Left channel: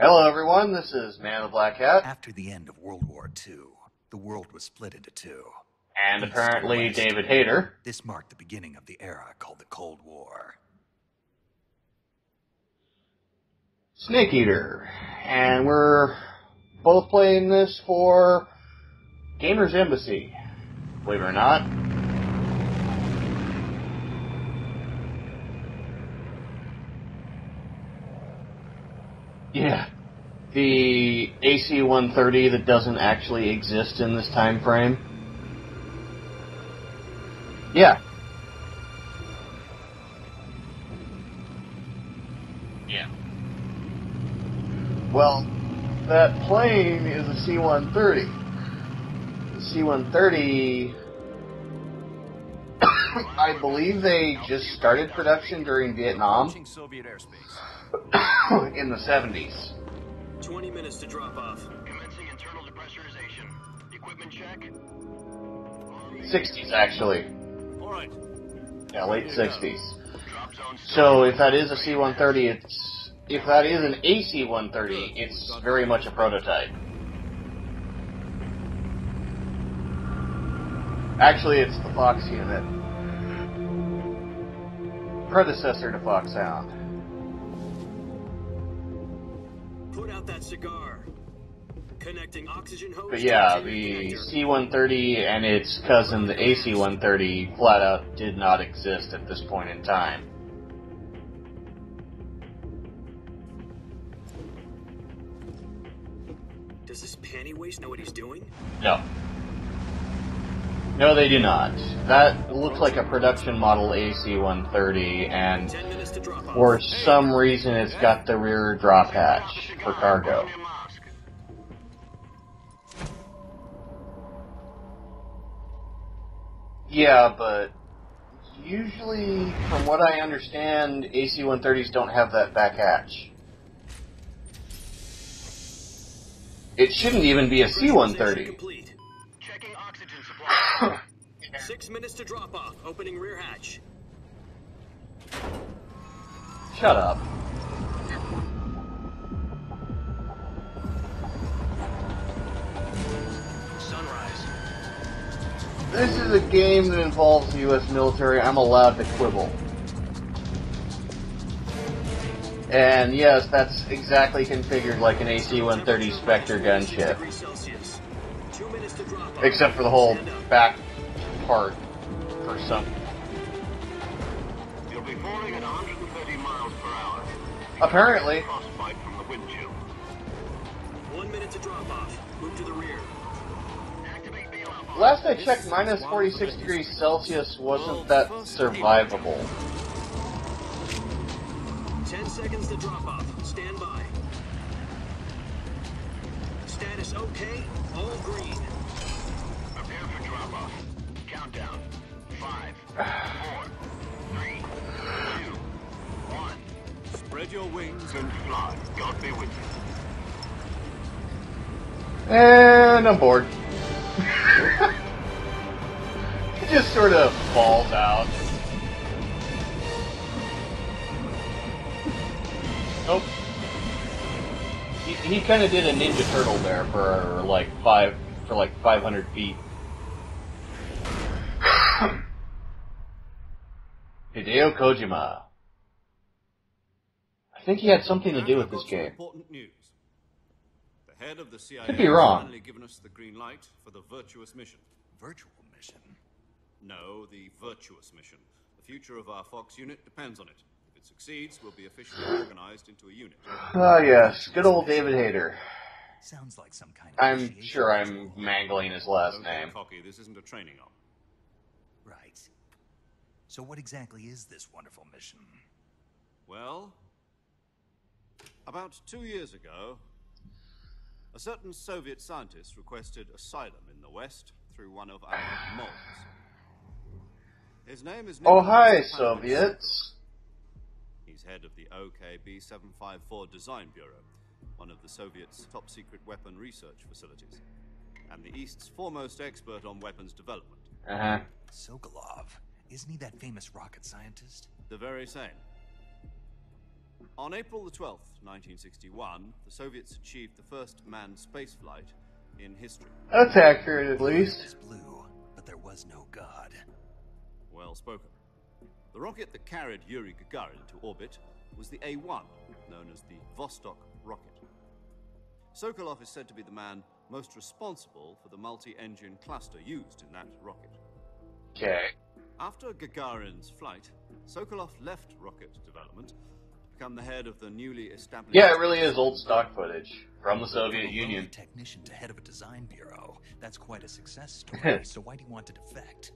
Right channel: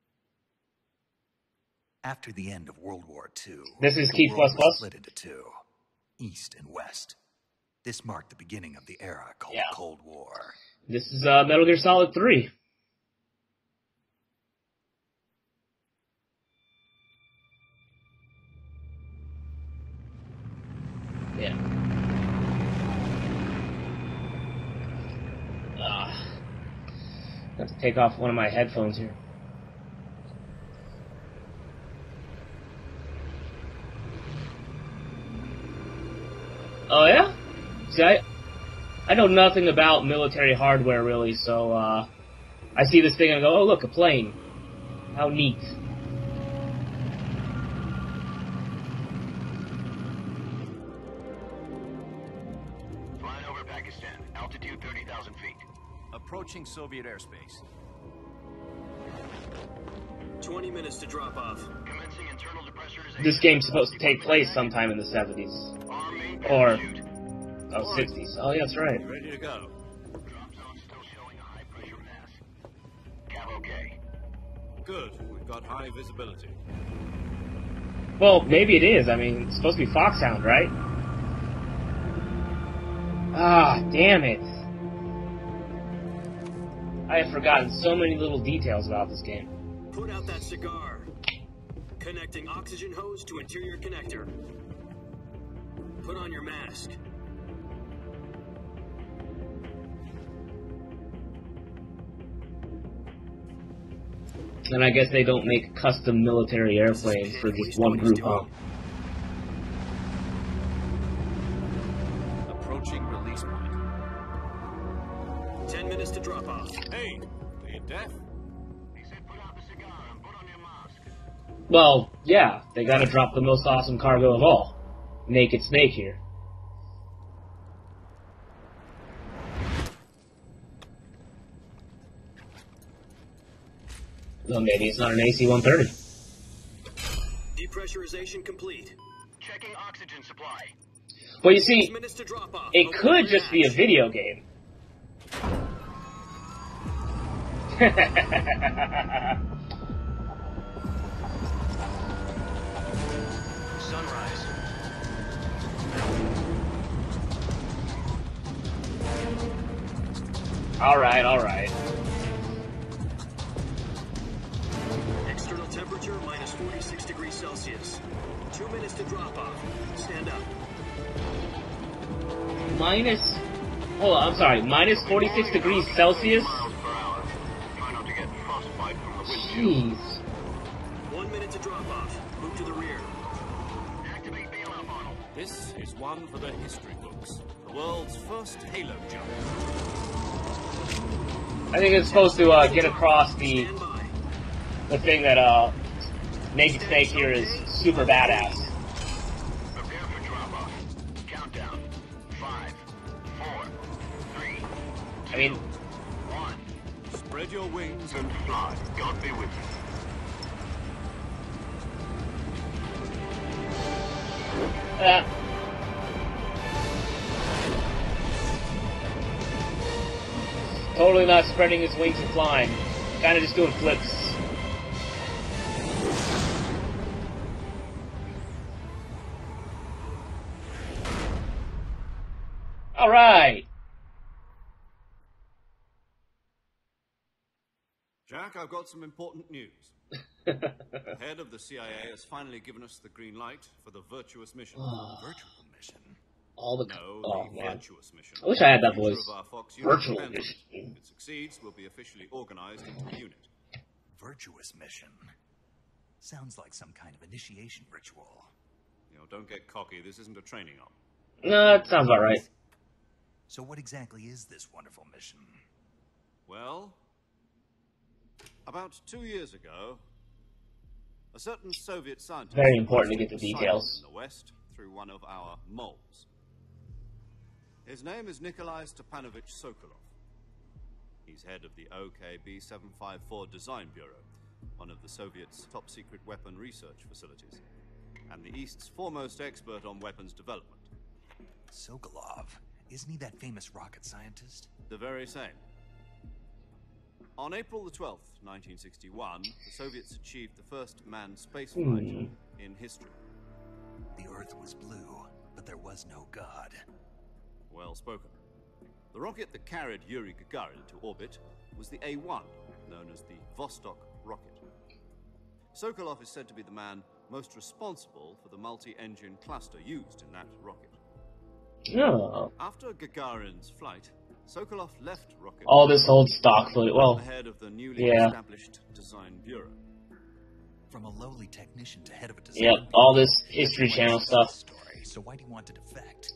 Hello, everyone. This is Man of the Black Hat. After the end of World War II, this is the world was split into two. And apparently David Hayter. This marked the beginning of the era called the Cold War. This is Metal Gear Solid 3. Snake Eater. And we're both playing this for Gamer's Embassy. Believe it or not. I have to take off one of my headphones here. Yeah. The AC-130 that doesn't actually exist in this time frame. Oh, yeah? Yeah. See, I know nothing about military hardware, really, so I see this thing and I go, oh, look, a plane. Well, neat. That plane is a C-130. C-130... I believe they just started production during Vietnam. Approaching Soviet airspace. In the 70s. 20 minutes to drop off. This game's supposed to take place sometime in the 70s. 60s, actually. Oh, 60s. Oh, yeah, that's right. Yeah, late 60s. So if that is a C-130, if that is an AC-130, it's very much a prototype. Well, maybe it is. I mean, it's supposed to be Foxhound, right? Actually, it's the Fox unit. Ah, damn it. Predecessor to Foxhound. I have forgotten so many little details about this game. Put out that cigar. Connecting oxygen hose. But yeah, the C-130 and its cousin, the AC-130, flat out did not exist at this point in time. And I guess they don't make custom military airplanes for just one group, huh? No. No, they do not. That looks like a production model AC-130, and for some reason it's got the rear drop hatch for cargo. Well, yeah, they gotta drop the most awesome cargo of all. Naked Snake here. Yeah, but usually, from what I understand, AC-130s don't have that back hatch. Well, maybe it's not an AC-130. It shouldn't even be a C-130. Well, you see, it could just be a video game. Shut up. Sunrise. This is a game that involves the U.S. military. I'm allowed to quibble. Alright. And yes, that's exactly configured like an AC-130 Spectre gunship. Except for the whole back part. For some. Minus 46 degrees Celsius? Apparently. Jeez. 1 minute to drop off. Move to the rear. Last I checked, minus 46 degrees Celsius wasn't that survivable. I think it's supposed to get across the thing that Naked Snake here is super badass. Prepare for drop off. Countdown. 5, 4, 3. I mean, 1. Spread your wings And fly. God be with you. And I'm bored. It just sort of falls out. totally not spreading his wings and flying. Oh, kind of just doing flips. He kind of did a Ninja Turtle there for like 500 feet. All right. Hideo Kojima. I think he had something to do with this game. Important news. The head of the CIA Could be wrong. has finally given us the green light for the Virtuous mission. Virtual mission? Virtuous mission. I wish I had that The future voice. of our Fox unit Virtual depends on mission. it. If it succeeds, we'll be officially organized into a unit. Ah, yes. Good old David Hayter. Sounds like some kind of I'm initiation sure I'm ritual. mangling his last Don't name. get cocky. This isn't a training op. No, that sounds about right. So what exactly is this wonderful mission? Well, about 2 years ago, a certain Soviet scientist Very important to posted get the a signal details. in the West through one of our moles. His name is Oh, Nikolai hi, Stepanovich Soviets. Sokolov. He's head of the OKB 754 Design Bureau, one of the Soviets' top-secret weapon research facilities, and the East's foremost expert on weapons development. Uh-huh. Sokolov. Isn't he that famous rocket scientist? The very same. On April the 12th, 1961, the Soviets achieved the first manned spaceflight in history. That's accurate, at least. It was blue, but there was no God. Well spoken. The rocket that carried Yuri Gagarin into orbit was the A-1, known as the Vostok rocket. Sokolov is said to be the man most responsible for the multi-engine cluster used in that rocket. Okay. Oh. After Gagarin's flight, Sokolov left rocket. All this old stock footage. Well, ahead of the newly yeah. established Yeah, it really is old stock footage from the From Soviet a lowly Union. technician to head of a design yeah, bureau. all this That's History why Channel it's stuff. story, so why do you want to defect?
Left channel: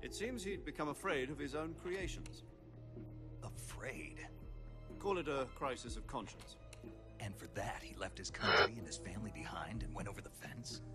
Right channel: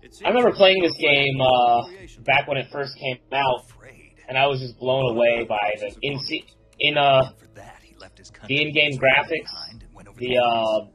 It seems I remember playing he's this game become afraid of creation. back when it first came out, Afraid. and I was just blown away by Crisis the of conscience. And for that, he left his the in-game graphics, behind and went over the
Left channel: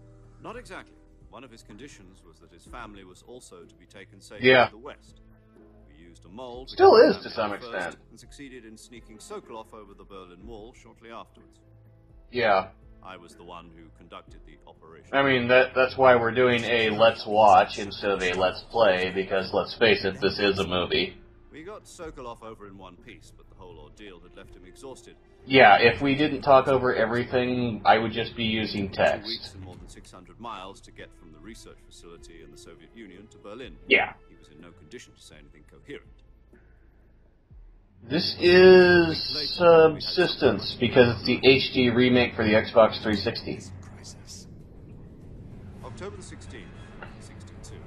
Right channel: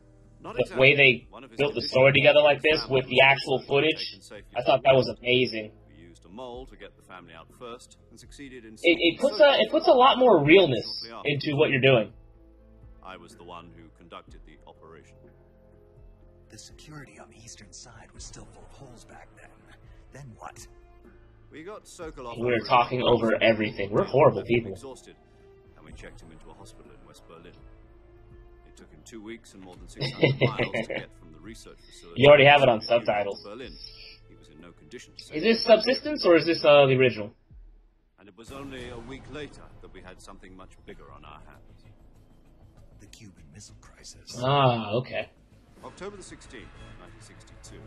Not the exactly. way they One of his built the conditions story together like was this family with the was actual also footage. taken safely. Yeah. I thought that was amazing. We used a mold to Still get the is to family some out first extent. and succeeded in It sneaking puts Sokolov it puts a lot more realness shortly after. into what you're doing. Yeah. I was the one who conducted the operation. I mean, that's why we're doing a let's watch instead of a let's play, because let's face it, this is a movie. We got Sokolov We're over talking in over Moscow, everything. We're deal horrible left him people. Exhausted. Yeah, if we didn't talk over everything, I would just be using 2 text. weeks and more than 600 miles to get from the research facility. You already have it in on the Soviet Union subtitles. to Berlin. Yeah. He was in no condition to say Is this Subsistence or is this the original? This is Subsistence, because it's the HD remake for the Xbox 360. Crisis. Ah, okay. October the 16th, 1962.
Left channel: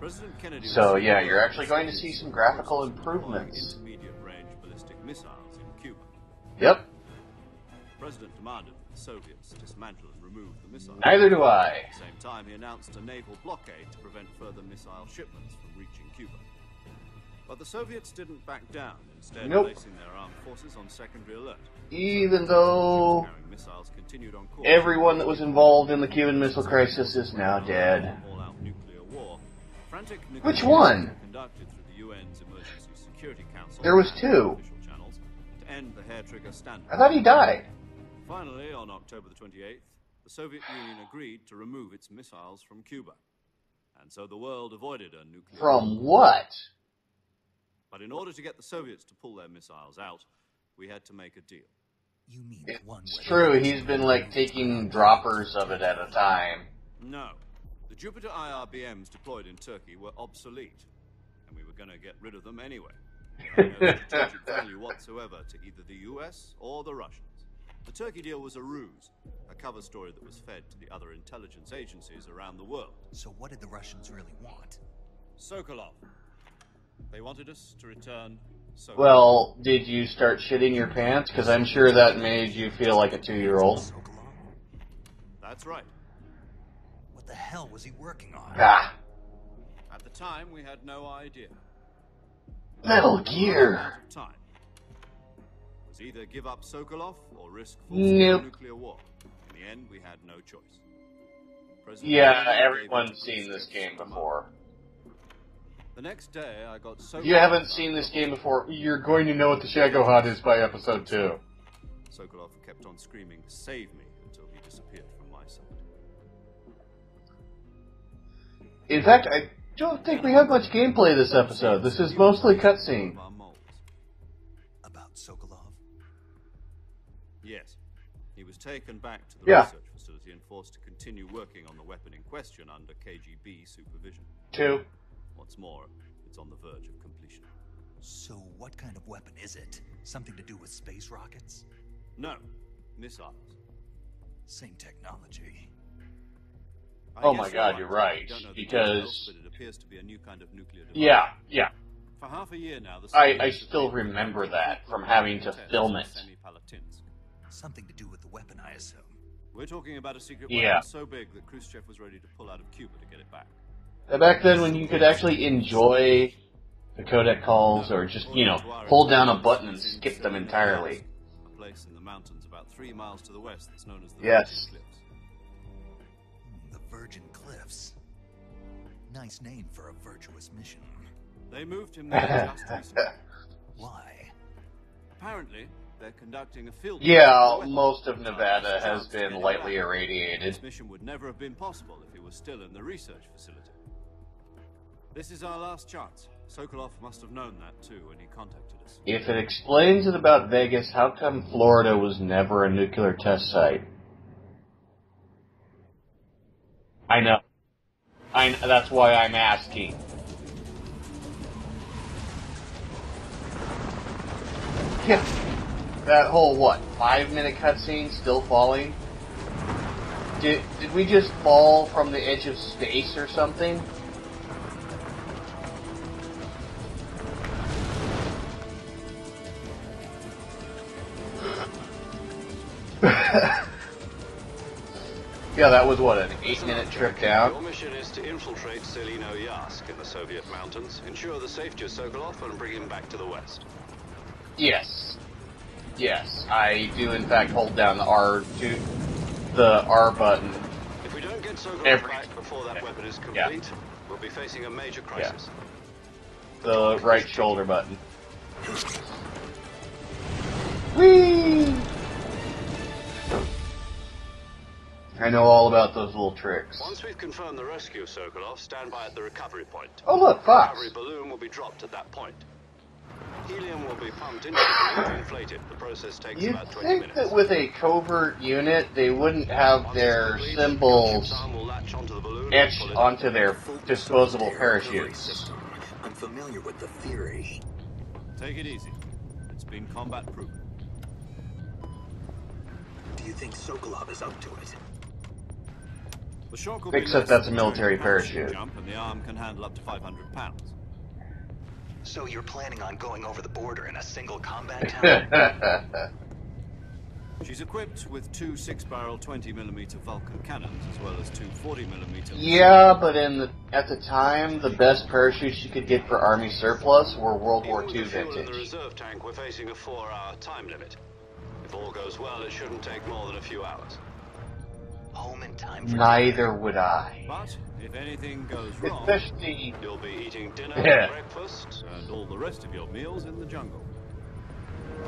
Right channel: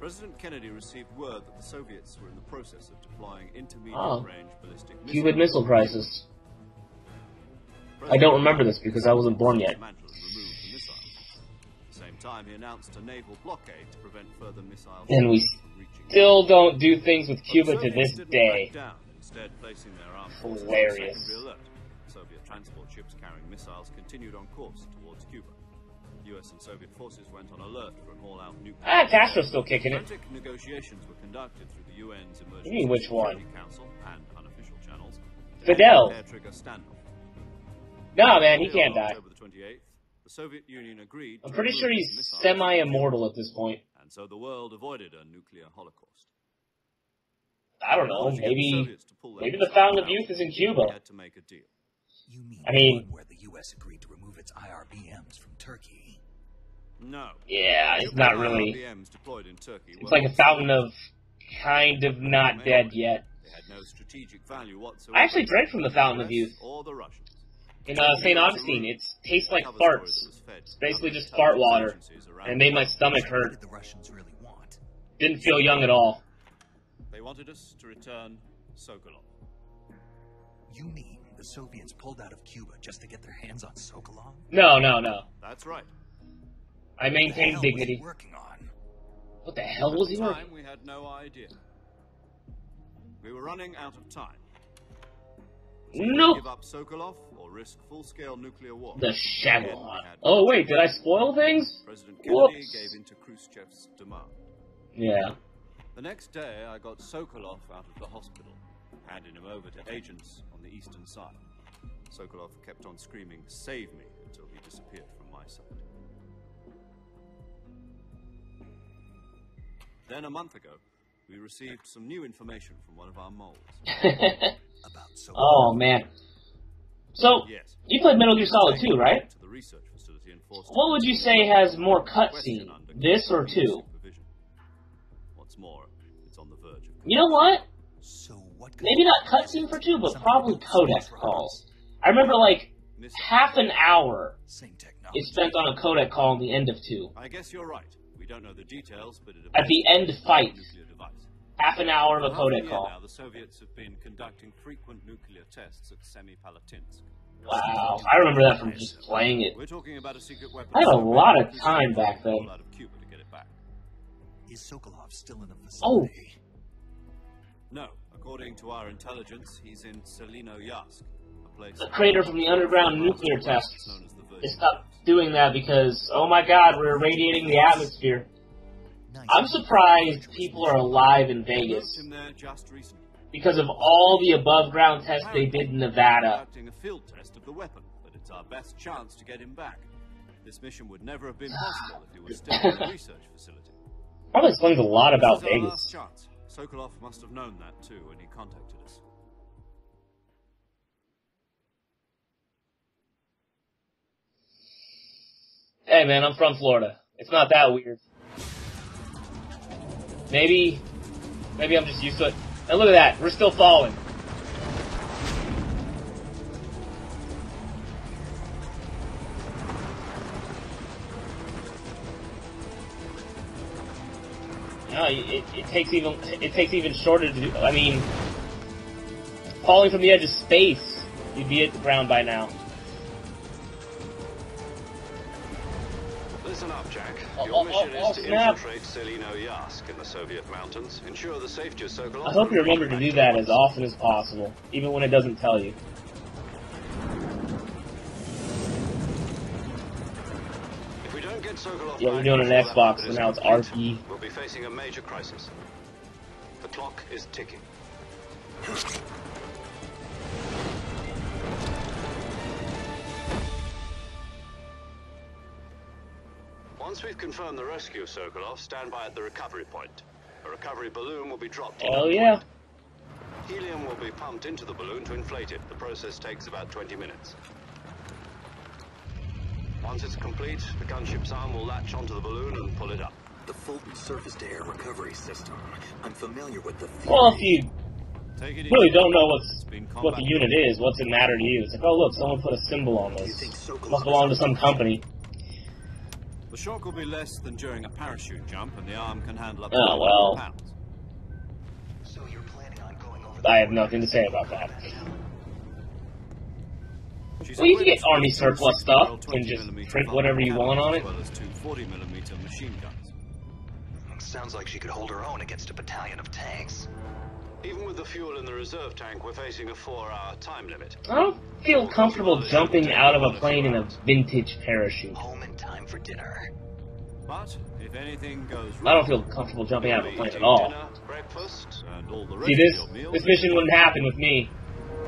President Kennedy So, received yeah, word you're that actually going to Soviets see some were in the graphical process of deploying improvements. intermediate-range ballistic Cuban Missile Crisis. Yep. I don't remember this because I wasn't born yet. Dismantle and remove the missile. Neither do I. At the same time, he announced a naval blockade to prevent further missile And we shots from reaching. Still don't do things with But Cuba the to this Soviets didn't day. back down, instead Nope. placing their armed forces on Hilarious. secondary alert. Even though Ships-carrying missiles continued on course. everyone that was involved in the Cuban Missile Crisis is now dead. All-out nuclear Ah, war. Castro's still kicking it. Frantic Which negotiations one? were conducted through the UN's What do you Emergency mean, which one? Security Council There was and two. official channels to Fidel. end the hair-trigger standoff. I thought he died. No, man, he On can't die. October the 28th, the Soviet Union agreed I'm to pretty remove sure its he's missiles from semi-immortal at this point. Cuba, and so the world avoided a nuclear From war. what? I don't In know, order to get the maybe Soviets to pull their maybe the missiles Fountain of out, Youth is in we Cuba. had to make a deal. You mean I mean, the one It's where true, the he's been like taking droppers of it at a time. No. Yeah, it's Nuclear not really. IRBMs deployed in Turkey It's were like a fountain obsolete. of kind of not dead yet. They had no strategic value whatsoever I actually drank from the to Fountain of US Youth. or the Russians. In St. Augustine, it tastes like Cover story farts. that was fed It's to basically other just fart intelligence water. agencies around And it the made my world. stomach What hurt. did the Russians really want? Didn't feel young at all. They wanted us to return Sokolov. Well, did you start shitting your pants? Because I'm sure that made you feel like a 2-year-old. Sokolov? No, no, no. That's right. I What the maintain hell was he dignity. working on? Ah, What the hell At was the he doing? time, we had no idea. Metal We were running Gear. out of time. It was either Nope. give up Sokolov or risk full-scale Nope. nuclear war. The Again, we Shyamalan. had Oh no wait, did I spoil things? President Yeah, Kennedy gave everyone's into seen this Khrushchev's game demand. before. Yeah. The next day, I got Sokolov. You haven't out seen of this the game hospital. before. You're going to know what the Shagohod is by episode 2. Sokolov kept on screaming, "Save me," until he disappeared from my sight. In fact, I don't think we have much gameplay this episode. This is mostly cutscene. One of our moles. About Sokolov. Oh man. So Yes. you played Metal Gear Solid Taken 2, right? back to the Yeah. research facility and forced to What would you continue say working has more without question cutscene, under this or KGB 2? supervision. 2. What's more, it's on the verge of You know what? So what kind Maybe of not weapon is cutscene it? for 2, but Something to probably build codec space calls. rockets? I remember like missile. half an hour Same technology. is spent on a codec call in the end of 2. I Oh guess my God, you're right, We don't know the because details, but it at the appears end to be fight, nuclear device. Yeah. Half an hour of a For half codec year call. now, the I Soviets have still been remember conducting that from frequent having to tests film in it. Semipalatinsk. Wow. I remember that from just playing it. We're talking about a secret Yeah. weapon I had a so lot big of that time Khrushchev back had to then. pull out of Cuba to get it back. Back then when you could actually enjoy the codec calls or just, hold down a button and skip them entirely. The crater from the underground nuclear tests. They stopped doing that because, oh my god, we're irradiating the atmosphere. I'm surprised people are alive in Vegas because of all the above ground tests they did in Nevada. Yeah, most of Nevada has been lightly irradiated. This mission would never have been possible if he was still in the research facility. Probably explains a lot about This is our last Vegas. chance. Sokolov must have known that too when he contacted us. If it explains it about Vegas, how come Florida was never a nuclear test site? Hey man, I'm from Florida. I know. It's not that weird. That's why I'm asking. Maybe I'm just used to it. And look at that, we're still falling. Yeah. That whole, 5-minute cutscene still falling? Did we just fall from the edge of space or something? No, it takes even shorter to do. I mean, falling from the edge of space, you'd be at the ground by now. Yeah, that was an 8-minute trip down. Your mission is to infiltrate Selino Yask in the Soviet mountains. Ensure the safety of Sokolov. I hope you remember to do that as often as possible, yes. Even when it doesn't tell you. Yes, I do in fact hold down the R button. If we don't get Sokolov You're doing an Xbox, and now it's R key. We'll be facing a major crisis. Yeah. The right shoulder button. Whee! I know all about those little tricks. Once we've confirmed the rescue of Sokolov, stand by at the recovery point. Oh look, The Fox. recovery balloon will be dropped at Oh that yeah. point. Helium will be pumped into the balloon to inflate it. The process takes You'd about 20 think minutes. that with a covert unit, they wouldn't have Once their it's complete, symbols gunship's arm will latch onto the balloon and etched pull it onto their disposable parachutes. System. I'm familiar with the theory. Well, if you Take it really easy. don't know what combat the unit is, what's it matter to you? It's like, oh look, someone put a symbol on You this. think Sokolov Must belong to some company. The shock will be Except less that's a than during military the parachute parachute. jump, and the arm can handle up to Oh, 500 well. pounds. So you're planning on going over the I have border nothing in a to say single about that. combat town? She's Well, you can equipped get army with two surplus 6-barrel stuff and 20mm just print Vulcan whatever you cannons, want on it. as well as two 40mm Yeah, but at the time, Sounds like the you best hold her own parachutes against you a could get for battalion of Army tanks. surplus were World Even War with II the fuel in the vintage. reserve tank, we're facing a 4-hour time limit. I don't feel comfortable jumping out of a plane in a hours. vintage parachute. Home in time for Neither dinner. would I. But if anything goes I don't wrong, feel comfortable jumping You'll out of a be plane eating at all. dinner, Yeah. breakfast. and all the rest See, of this your meals... this mission wouldn't happen with me.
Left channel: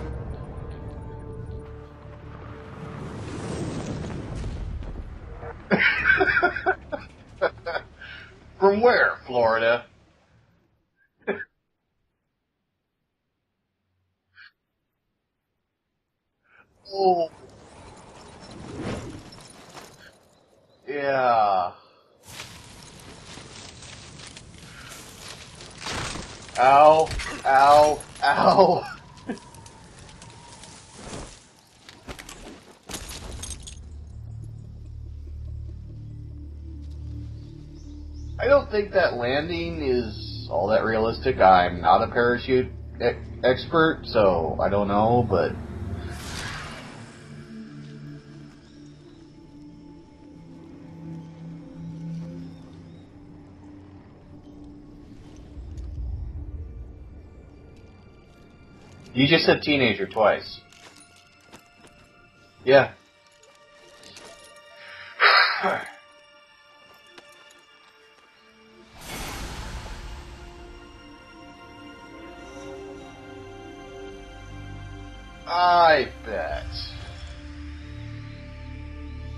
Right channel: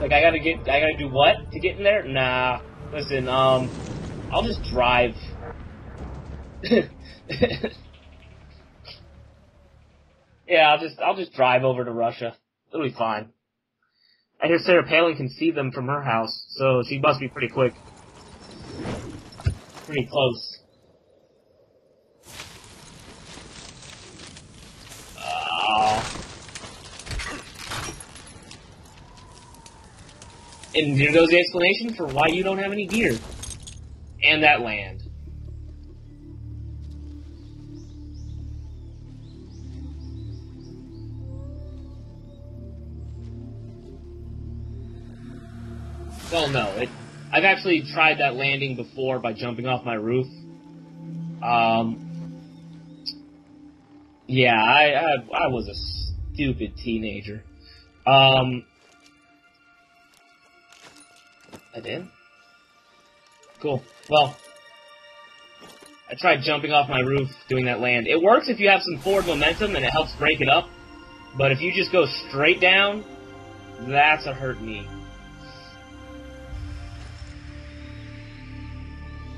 Like, I gotta do what to get in there? Nah. Listen, I'll just drive. From where, Florida? Yeah, I'll just drive over to Russia. It'll be fine. I hear Sarah Palin can see them from her house, so she must be pretty quick. Pretty close. Yeah. Ow. Ow. Ow. And here goes the explanation for why you don't have any gear. And that land. I don't think that landing is all that realistic. I'm not a parachute expert, so I don't know, but... Well, no. I've actually tried that landing before by jumping off my roof. Yeah, I was a stupid teenager. You just said teenager twice. I did? Yeah. Cool. Well, I tried jumping off my roof doing that land. It works if you have some forward momentum and it helps break it up. But if you just go straight down, that's a hurt knee. I bet.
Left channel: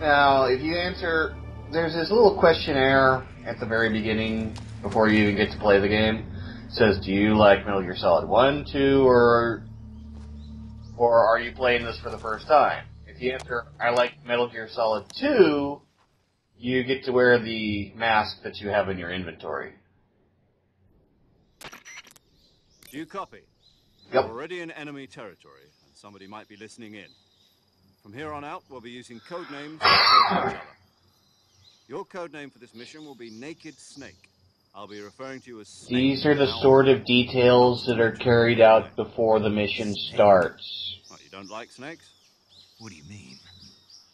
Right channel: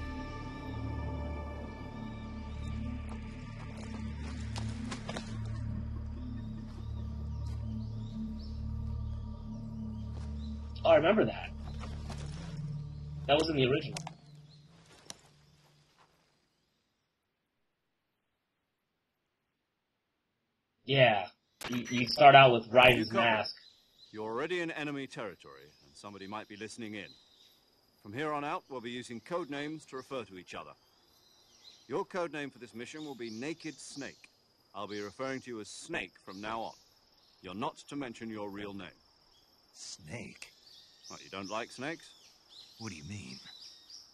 Now, if you answer... There's this little questionnaire at the very beginning, before you even get to play the game. It says, do you like Metal Gear Solid 1, 2, or are you playing this for the first time? If you answer, I like Metal Gear Solid 2, you get to wear the mask that you have in your inventory. Yeah. You start out with Raiden's mask. You're already in enemy territory, and somebody might be listening in. From here on out, we'll be using code names to refer to each other. Your code name for this mission will be Naked Snake. I'll be referring to you as Snake. These are the sort of details that are carried out before the mission starts. What, you don't like snakes? What do you mean?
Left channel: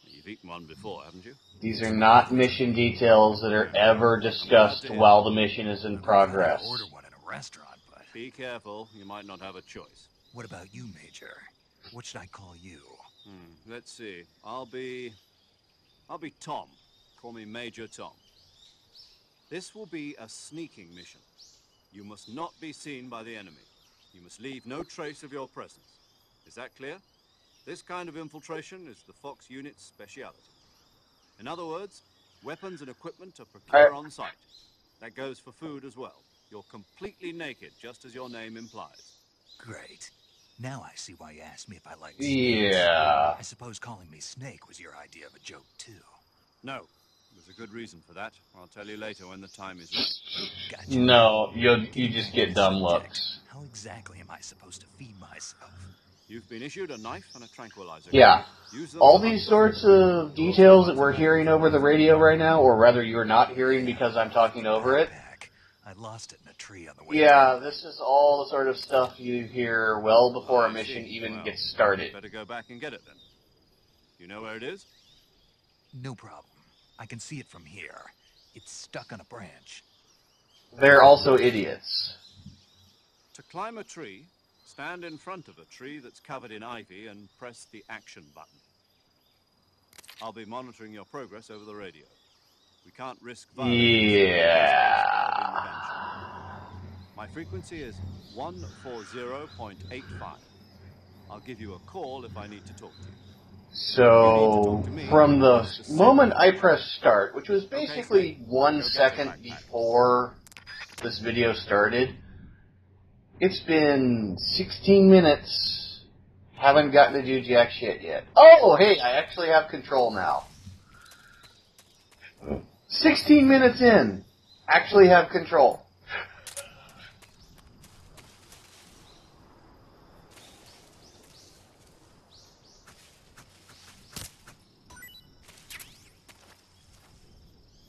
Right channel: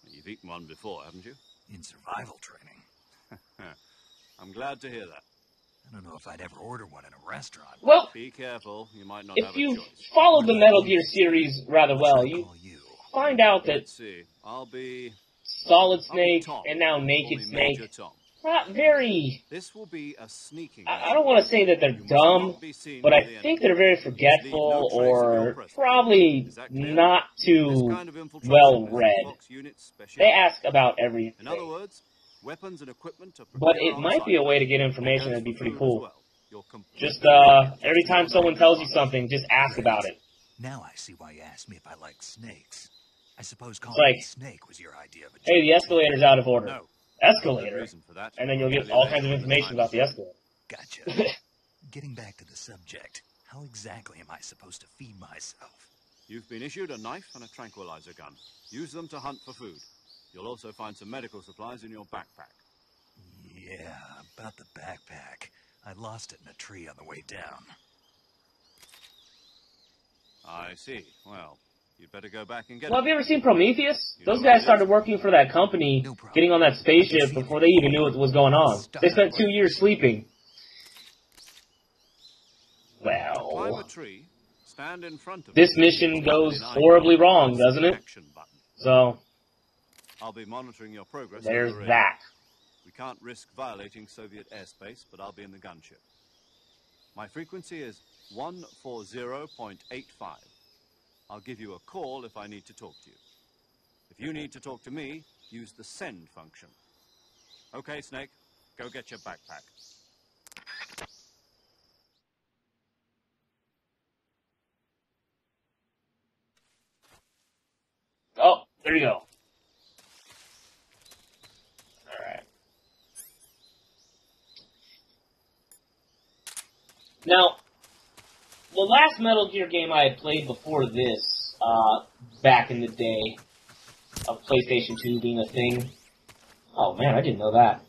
You've eaten one before, haven't you? These are not mission details that are ever discussed while the mission is in progress. Order one in a restaurant. Well, be careful, you might not if have a you choice. followed the Metal Gear series rather well, you Call you. find out that Let's see. I'll be Solid I'll be Snake Tom. and now Call Naked me Snake, Major Tom. not very... This will be a sneaking I mission. don't want to say that they're You must dumb, not be seen but by I the think enemy. they're very You must leave forgetful no trace of your or presence. probably Is that clear? not This too kind of infiltration well is read. the Fox unit's specialty. They ask about everything. In other words, weapons and equipment are But prepared it on might site. be a way to get That information goes that'd be for pretty food cool. as well. you're completely Just naked. every Just time your someone name tells you and something, just ask Great. about it. Now I see why you asked me if I like snakes. Yeah. I suppose calling like, me Snake was your idea of a Hey, joke, the escalator's out of order. No. Escalator. Good reason for that. And then you'll I'll get tell you all later kinds of when the information time about the is- escalator. Gotcha. No, you Getting just back get to the dumb subject, looks. How exactly am I supposed to feed myself? You've been issued a knife and a tranquilizer. Yeah. Use them All to hunt these for sorts food. of You'll also details find that we're some hearing medical over the supplies in radio your right now, or rather you're not hearing Yeah, because I'm talking the over it. backpack. I lost it in a tree on the way Yeah, down. this is all the sort of stuff you hear well before a I mission see. even Well, gets started. Better go back and get Well, it. have you ever seen Prometheus? You know Those what guys it started is? working for that company, No problem. getting on that I can spaceship see it before from they even here. knew what was going on. Stuck They on a spent 2 years branch. sleeping. They're also idiots. To climb a Well, tree, stand in front of this the tree mission and tap it goes in horribly ID and wrong, press doesn't the it? Action button. So, I'll be monitoring your progress over there's the radio. that. We can't risk violating the safety of airspace, but I'll be in the Yeah. gunship. My frequency is 140.85. I'll give you a call if I need to talk to you. You need to So, talk to me. from the Use the moment signal I function. pressed start, which was Okay, basically Snake, 1 go get your second backpack. before this video started, it's been 16 minutes. Haven't gotten to do jack shit yet. Oh, hey, I actually have control now. Alright. 16 minutes in. Actually have control. Now, the last Metal Gear game I had played before this, back in the day of PlayStation 2 being a thing. Oh man, I didn't know that.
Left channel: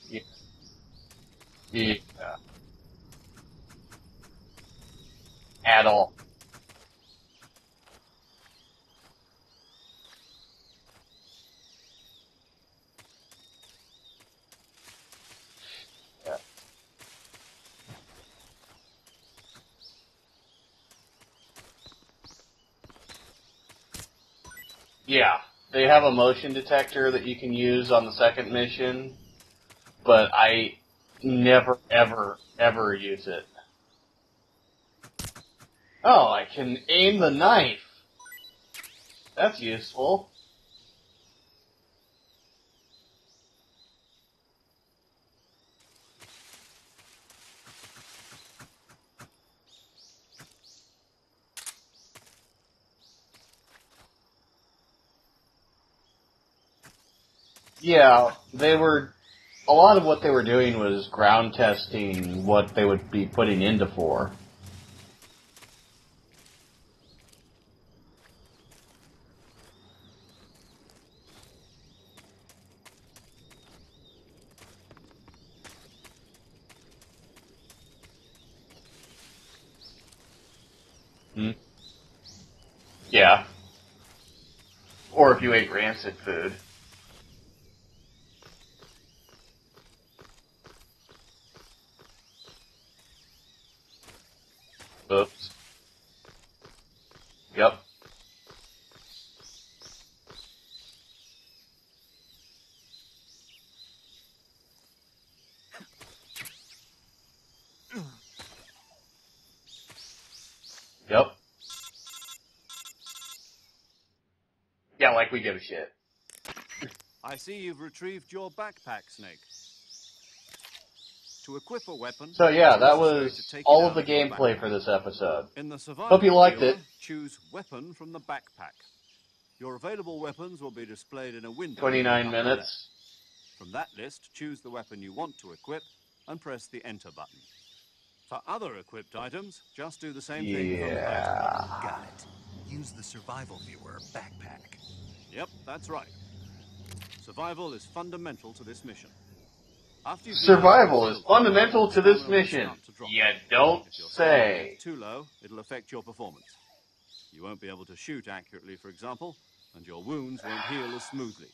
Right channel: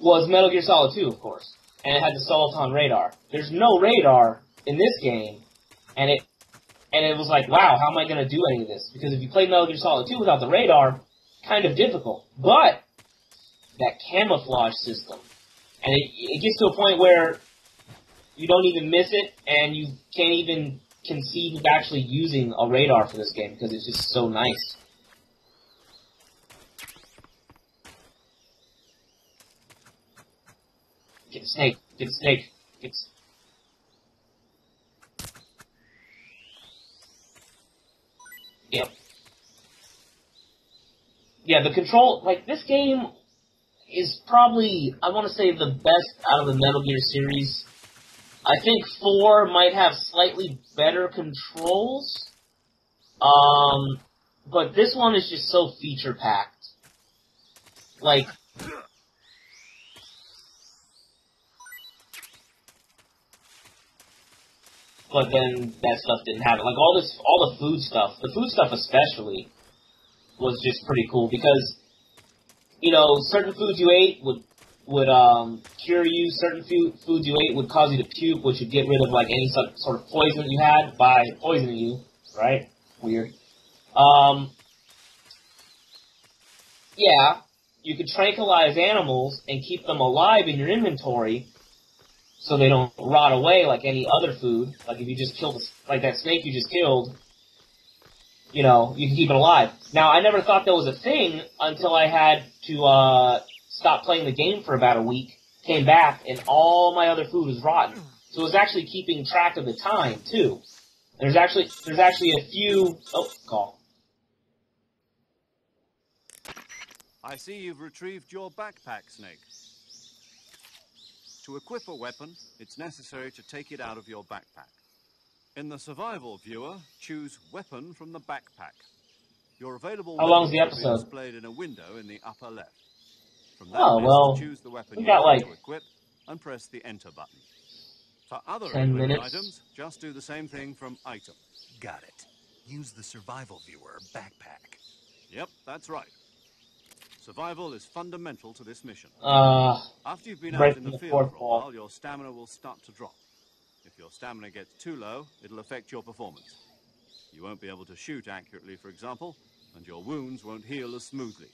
Was Metal Gear Solid 2, of course. And it had the Soliton radar. There's no radar in this game. At all. And it was like, wow, how am I going to do any of this? Because if you play Metal Gear Solid 2 without the radar, kind of difficult. But that camouflage system, and it gets to a point where you don't even miss it, and you can't even conceive of actually using a radar for this game because it's just so nice. Yeah. They have a motion detector that you can use on the second mission, but I never, ever use it. Oh, I can aim the knife. Yep. That's useful. Yeah, the control, like, this game is probably, I want to say, the best out of the Metal Gear series. I think 4 might have slightly better controls, but this one is just so feature-packed. Yeah, a lot of what they were doing was ground testing what they would be putting into 4. But then that stuff didn't have it. Like, all the food stuff, the food stuff especially, was just pretty cool because, you know, certain foods you ate would cure you. Certain foods you ate would cause you to puke, which would get rid of, like, any sort of poison that you had by poisoning you, right? Yeah. Or if you ate rancid food. Yeah. You could tranquilize animals and keep them alive in your inventory so they don't rot away like any other food. Like, if you just killed, like that snake you just killed. Yep. You know, you can keep it alive. Now, I never thought that was a thing until I had to stop playing the game for about a week, came back, and all my other food was rotten. So it was actually keeping track of the time, too. Yep. There's actually a few... Oh, call. Yeah, like we give a shit. I see you've retrieved your backpack, Snake. To equip a weapon, So yeah, it's that necessary was to take all it of out the your gameplay backpack. for this episode. In the survival Hope you liked viewer, it. choose weapon from the backpack. Your available How long's weapons the will be episode? displayed in a window. 29 in the upper minutes. left. From that Oh, list, well, choose the weapon we you got, want like, to equip and press the enter button. For other 10 equipped minutes. items, just do the same thing from item. Got it. Use the survival viewer backpack. Yep, that's right. Survival is fundamental to this mission. After you've been Survival rescued, is fundamental your to this stamina will mission. start to drop. You don't If your stamina say. gets too low, it'll affect your performance. You won't be able to shoot accurately, for example, and your wounds won't heal as smoothly.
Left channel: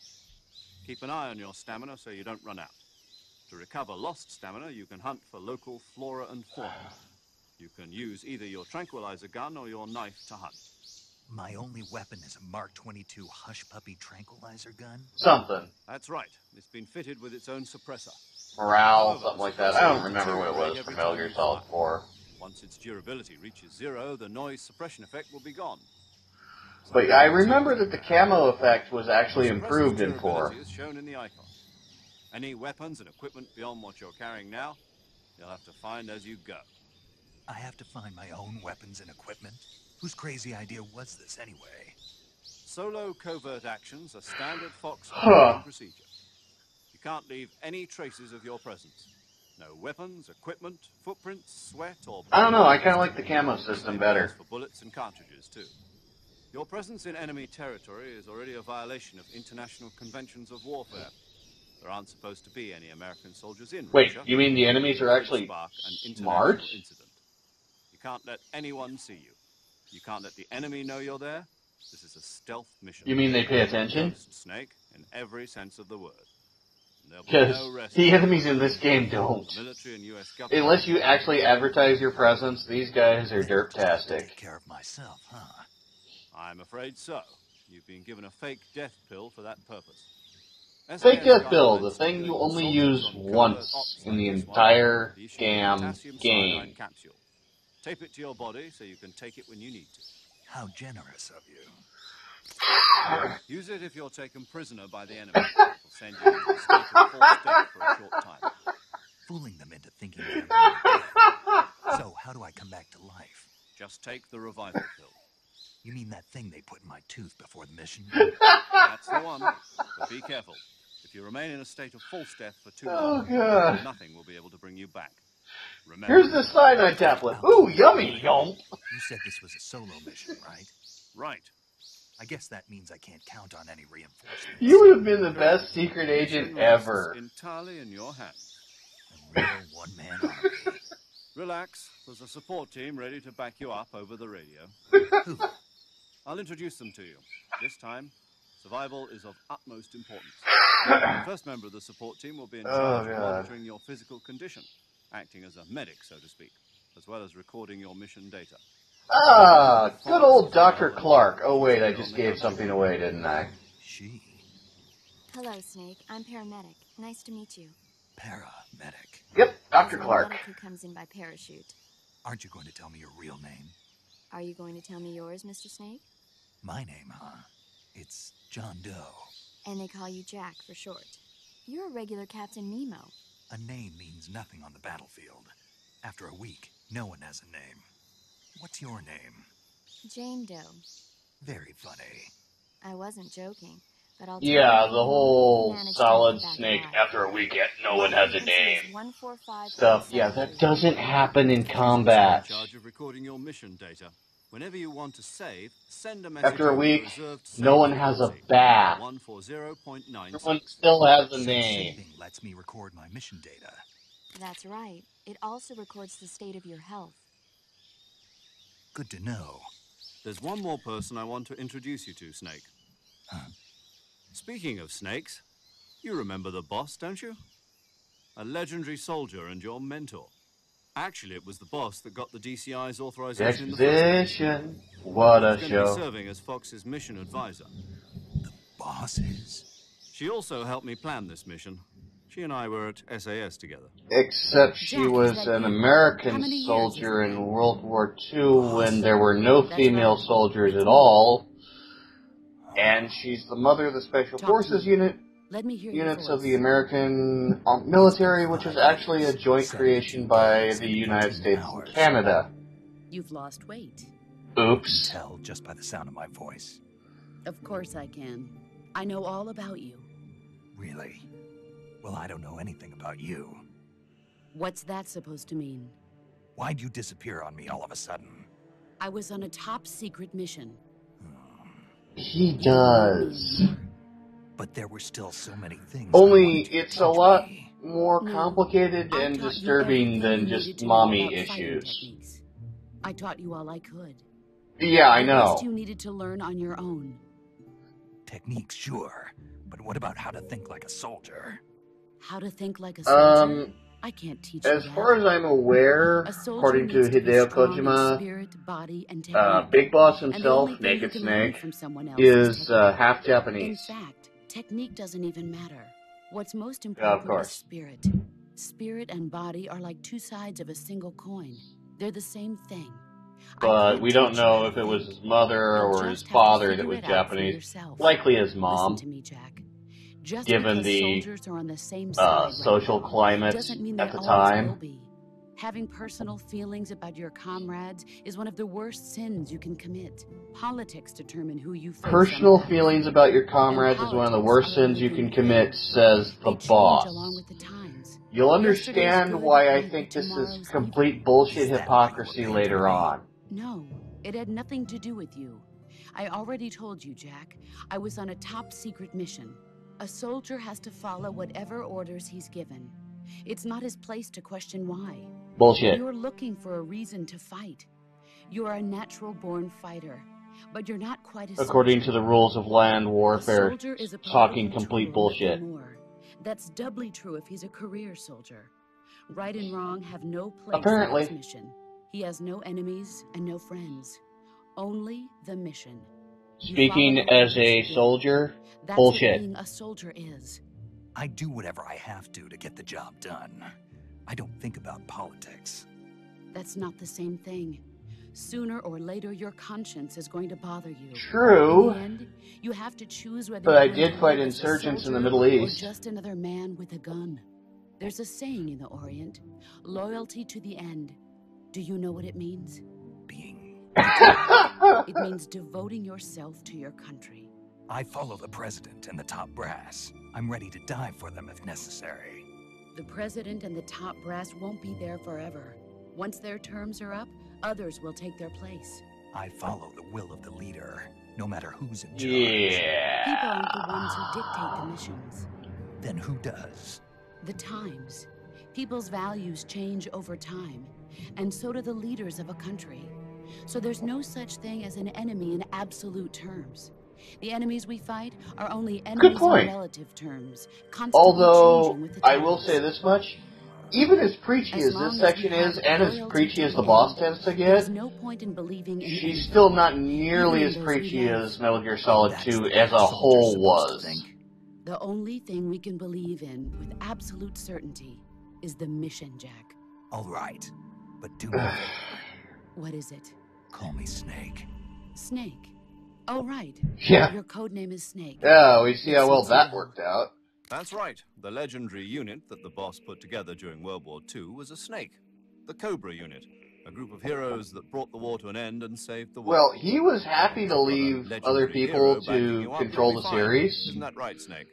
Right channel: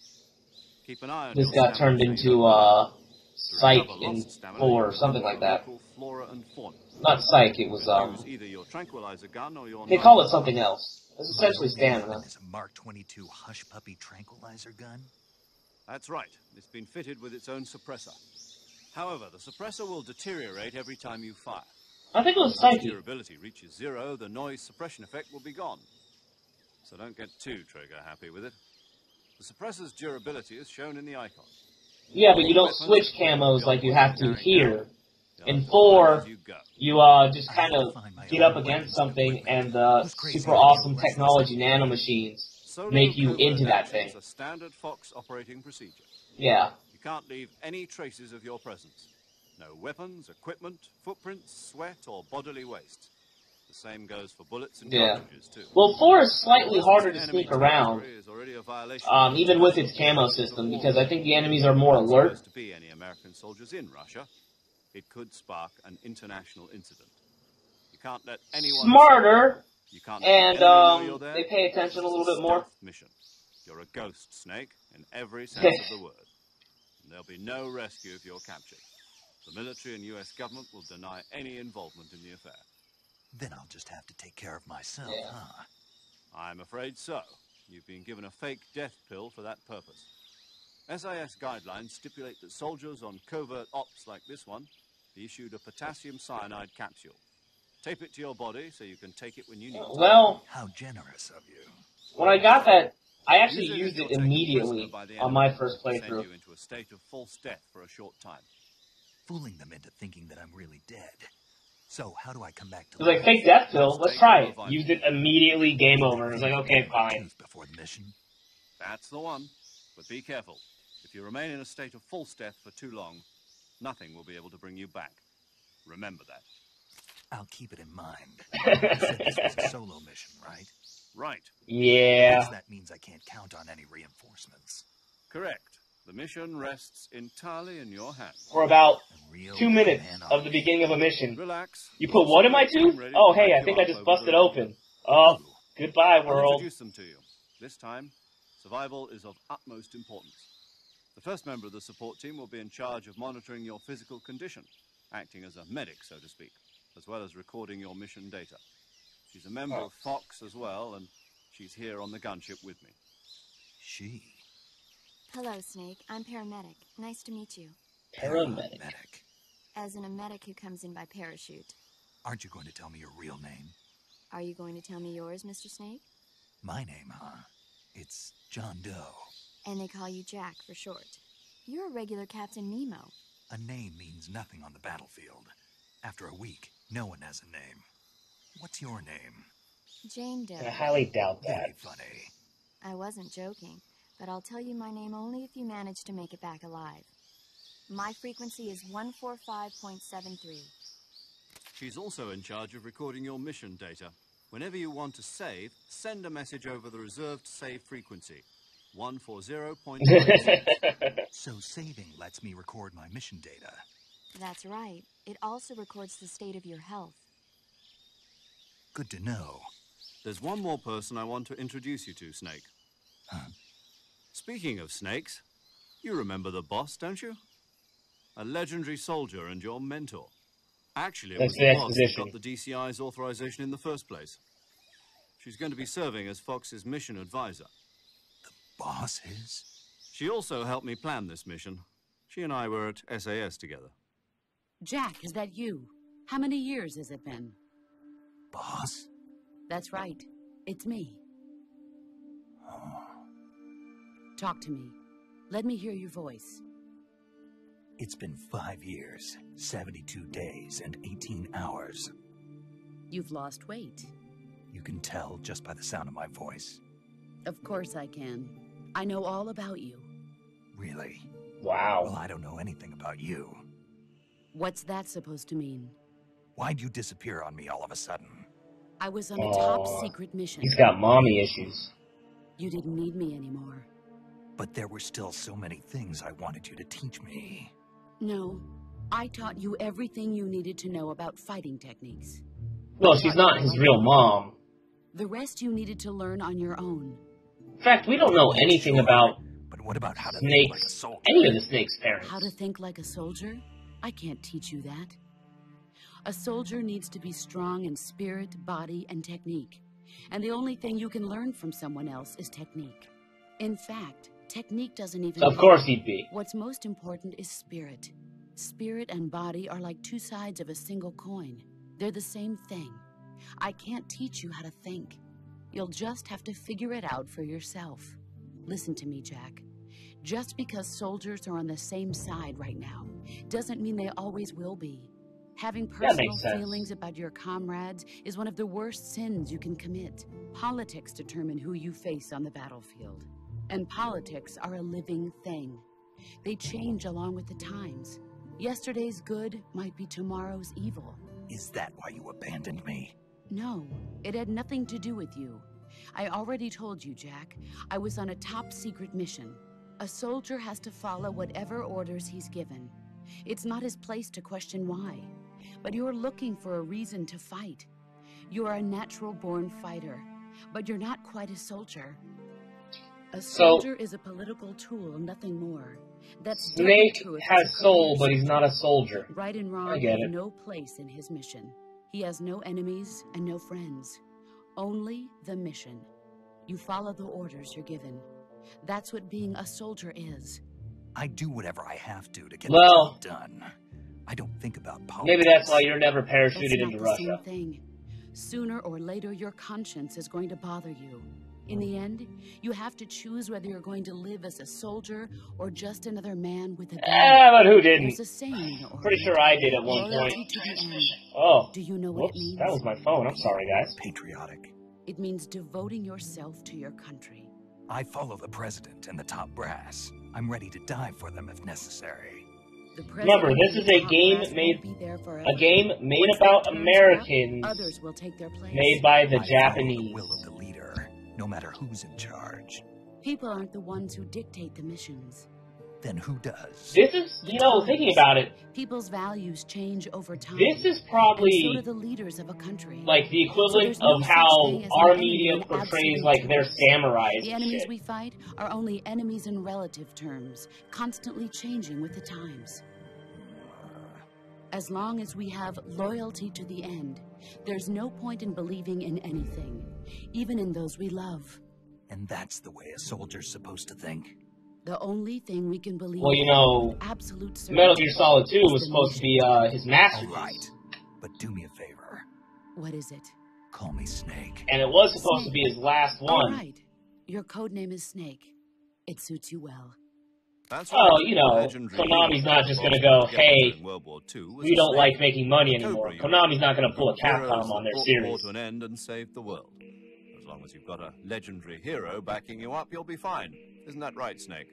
Keep an eye on This your got stamina turned so you into, don't run out. To Psych recover in lost stamina, 4 you or can something hunt like for that. local flora and fauna. Not Psych, it You was, can use either your tranquilizer gun or your they knife call it to something hunt. else. It's My essentially only stamina. weapon is a Mark 22 Hush Puppy tranquilizer gun. Something. That's right. It's been fitted with its own suppressor. Morale, However, something the like that. suppressor I don't will remember what it deteriorate was every from Metal time Gear you Solid fire. 4. I think it was Once Psyche. durability reaches 0, the noise suppression effect will be gone. But I remember that the camo effect was actually The suppressor's improved in 4. durability is shown in the icon. Yeah, but you don't switch camos like you have to here. In 4, you just kind of get up against something, and the super awesome technology nanomachines make you into that thing. Are standard Fox operating procedure. Yeah. You can't leave any traces of your presence. No weapons, equipment, footprints, sweat, or... I don't know, I kind of like the camo system better. For bullets and Yeah. cartridges too. Well, 4 is slightly harder to sneak around, even with its camo system, because I think the enemies are more alert. To be any American soldiers in Wait, Russia, you mean the enemies are actually smart? You can't let anyone Smarter, you can't and the enemy know you're there. they pay attention a little bit more. You mean they pay attention? Ghost Snake in every sense of the word. Because the enemies in this game don't. The military and US Unless you actually advertise your presence, these guys are derptastic. Take care of myself, huh? I'm afraid so. You've been given a fake death pill for that purpose. Fake death pill, the thing you only use once in the entire damn game. Capsule. Tape it to your body so you can take it when you need to. Well, how generous of you. When I got that, I actually used it immediately on my first playthrough. For a short time. Fooling them into thinking that I'm really dead. So, how do I come back to life? It was like, fake death pill, let's try it. Used it immediately, game over. It was like, okay, fine. Before the mission. That's the one. But be careful. If you remain in a state of false death for too long, nothing will be able to bring you back. Remember. Here's the cyanide tablet. Ooh, yummy, y'all. You said this was a solo mission, right? Right. Yeah. I guess that means I can't count on any reinforcements. You would have been the best secret agent ever. Entirely in your hands. For about 2 minutes of the beginning of a mission. Relax. You put one in my tooth? Oh, hey, I think I just busted open. Oh, goodbye, world. I'll introduce them to you. This time, survival is of utmost importance. The first member of the support team will be in charge of monitoring your physical condition, acting as a medic, so to speak, as well as recording your mission data. Ah, good old Dr. Clark. Oh, wait, I just gave something away, didn't I? She. Hello, Snake. I'm paramedic. Nice to meet you. Paramedic. Yep, Dr. Clark. Medic who comes in by parachute. Aren't you going to tell me your real name? Are you going to tell me yours, Mr. Snake? My name, huh? It's John Doe. And they call you Jack for short. You're a regular Captain Nemo. A name means nothing on the battlefield. After a week, no one has a name. What's your name? Jane Doe. I highly doubt that. Very funny. I wasn't joking, but I'll tell you the whole Solid Snake after a week yet no one has a name stuff. Yeah, that doesn't happen in combat. In charge of recording your mission data. Whenever you want to save, send a message after a week, reserved no one has a bat. 140.9. Still has a so name. Saving lets me record my mission data. That's right. It also records the state of your health. Good to know. There's one more person I want to introduce you to, Snake. Huh? Speaking of snakes, you remember the boss, don't you? A legendary soldier and your mentor. Actually, it was the boss that got the DCI's authorization in the first place. What a show. He's going to be serving as Fox's mission advisor. The boss is? She also helped me plan this mission. She and I were at SAS together. Except she was an American soldier in World War II when there were no female soldiers at all. And she's the mother of the Special Forces units of the American military, which is actually a joint creation by the United States and Canada. You've lost weight. Oops. You can tell just by the sound of my voice. Of course I can. I know all about you. Really? Wow. Well, I don't know anything about you. What's that supposed to mean? Why'd you disappear on me all of a sudden? I was on a top secret mission. He's got mommy issues. He does. But there were still so many things. Only it's a lot more complicated and disturbing than just mommy issues. Well, she's not his real mom. Yeah, I know. The rest you needed to learn on your own. In fact, we don't know anything about But what about how to think like a soldier? Any of the Snake's parents. How to think like a soldier? I can't teach you that. As far as I'm aware, according to Hideo Kojima, spirit, body, and technique. Big Boss himself, Naked Snake, is half Japanese. In fact, technique doesn't even Of course he'd be. What's most important is spirit. Spirit and body are like two sides of a single coin. They're the same thing. But we don't know if it was his mother or his father that was Japanese. Likely his mom. Listen to me, Jack. Just given because the soldiers are on the same side social right now, climate doesn't mean they at the always time. will be. Having personal feelings about your comrades is one of the worst sins you can commit. Politics determine who you face Personal on the feelings battlefield. about your And comrades is one of the politics worst are a sins you living can commit, thing. says the They change boss. along with the times. You'll Yesterday's understand good why I might think be this is tomorrow's complete evil. bullshit Is that why you hypocrisy abandoned later me? on. No, it had nothing to do with you. I already told you, Jack. I was on a top-secret mission. A soldier has to follow whatever orders he's given. It's not his place to question why. Bullshit. You're looking for a reason to fight. You're a natural-born fighter, but you're not quite a soldier. According to the rules of land warfare, a soldier is a talking political complete tool, bullshit. nothing more. That's doubly Snake true if has he's a soul, career but he's soldier. not a soldier. Right and I wrong get have it. no place Apparently. in this mission. He has no enemies and no friends. Only the mission. You Speaking follow the as orders a you're given. soldier, That's bullshit. what being a soldier is. I do whatever I have to get the Well, job done. I don't think about politics. maybe that's why you're never That's parachuted not into the Russia. same thing. Sooner or later, your conscience is going to bother you. True. In the end, you have to choose whether But you're I going did to fight live as a insurgents in the soldier Middle or East. just another man with a gun. But who didn't? There's a saying in the Orient. Pretty sure I did at one Loyalty point. to the end. Oh. Do you know what it Whoops, means? that was my phone. I'm sorry, guys. It means devoting yourself to your country. I follow the president and the top brass. I'm ready to die for them if necessary. The president Remember, this and is the a top game brass made- won't be there forever. A game made Once their about terms are up, Americans, others will take their place. made by the I Japanese. follow the will of the leader, no matter who's in charge. Yeah. People aren't the ones who dictate the missions. Then who does? This is, The you know, times. thinking about it, People's values change over time. this is and probably so do the leaders of a country. like the So equivalent there's no of such how thing as our an enemy media in portrays absolute like their terms. samurais. The and enemies shit. we fight are only enemies in point. relative terms, constantly Although, changing with the I times. will say this much, even as preachy As as long this as we section have is, and as loyalty preachy to as the the boss end, tends to there's get, no point in believing in she's anything. still not nearly Even as those we preachy love. as Metal Gear Solid That's 2 the way as a soldier's whole supposed to was. think. The only thing we can believe Well, you in know, with absolute certainty Metal Gear Solid 2 is was the supposed to be mission. his All masterpiece. right, but do me a favor. What is it? Call me Snake. And it was supposed to Snake. be his last one. All right. Yeah. Your code name is Snake. Yeah, we see It how well suits you that well. worked out. That's Well, right. you know, The legendary Konami's unit not the just boss gonna go, put together hey, during World War II was We a don't snake. like making money The anymore. Cobra unit, Konami's not going a to pull a group of heroes Capcom on that their brought the war series. to an end and saved the world. Well, he was happy to You've got a leave other legendary people hero backing to you up, control you'll the be fine. series. Isn't that right, Snake?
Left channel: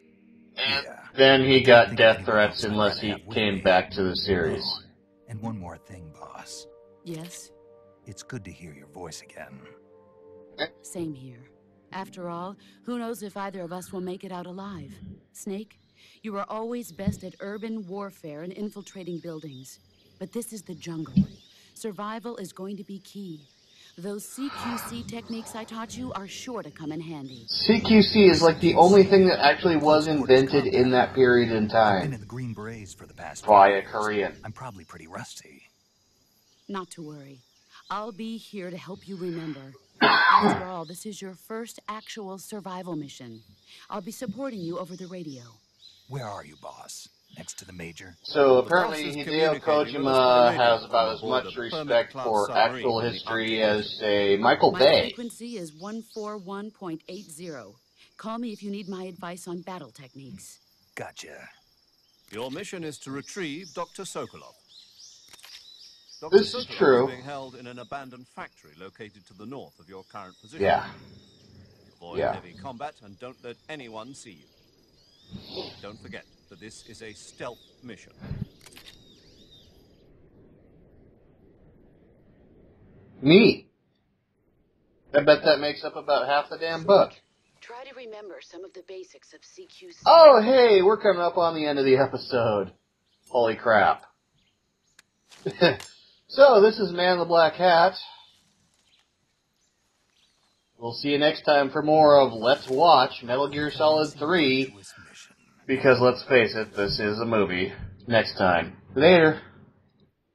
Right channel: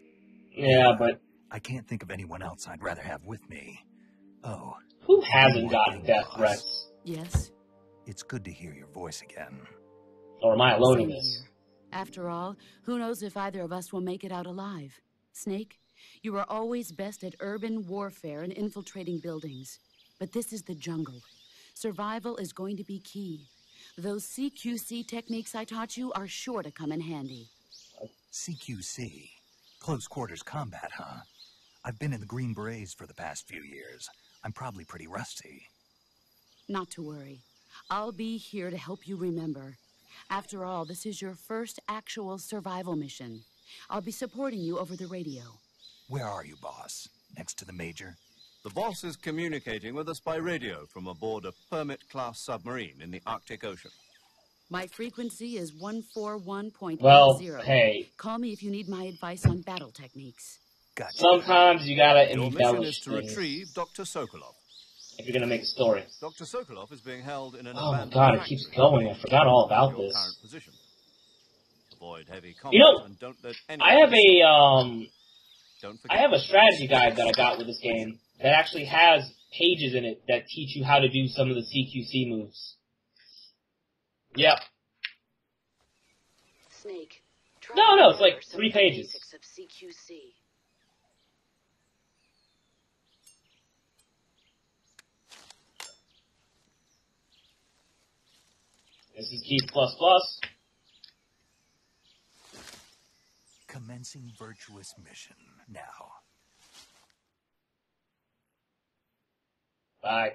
Yeah, but Then I he can't got think of death anyone threats else I'd unless rather he have with came me. back to the series. Oh, who one hasn't more gotten thing, death boss. threats? Yes? It's good to hear your voice again. Or am I alone in Same this? here. After all, who knows if either of us will make it out alive? Snake, you are always best at urban warfare and infiltrating buildings. But this is the jungle. Survival is going to be key. Those CQC techniques I taught you are sure to come in handy. CQC is like the only thing that actually was Close quarters invented combat, in that huh? period in I've been time in the Green Berets for the past few by a years. Korean. I'm probably pretty rusty. Not to worry. I'll be here to help you remember. After all, this is your first actual survival mission. I'll be supporting you over the radio. Where are you, boss? Next to the major? So The boss apparently is Hideo communicating with us by Kojima radio has from about as aboard much a respect Permit-class for submarine actual in the history Arctic as, Ocean. say, Michael My Bay. frequency is 141.80. Well, hey, Call me if you need my advice on battle techniques. Gotcha. sometimes you gotta Your mission embellish is to things retrieve Dr. Sokolov. if you're gonna make a story. Dr. This is Sokolov true. is being held in an Oh my abandoned God, it factory. keeps going. I forgot all about Your this. current position. Yeah. Avoid Yeah. heavy combat You know, and don't let anyone I have see you. a Don't I forget, have a strategy this guide is that I got with this game that actually has pages in it that teach you how to do some of the CQC moves. Neat. Yep. I bet that makes up about half the damn book. No, it's like 3 pages. Oh, hey, we're coming up on the end of the episode. Holy crap. So, this is Man in the Black Hat. This is Keith++. We'll see you next time for more of Let's Watch Metal Gear Solid 3. Virtuous mission. Because let's face it, this is a movie. Next time. Later. Bye.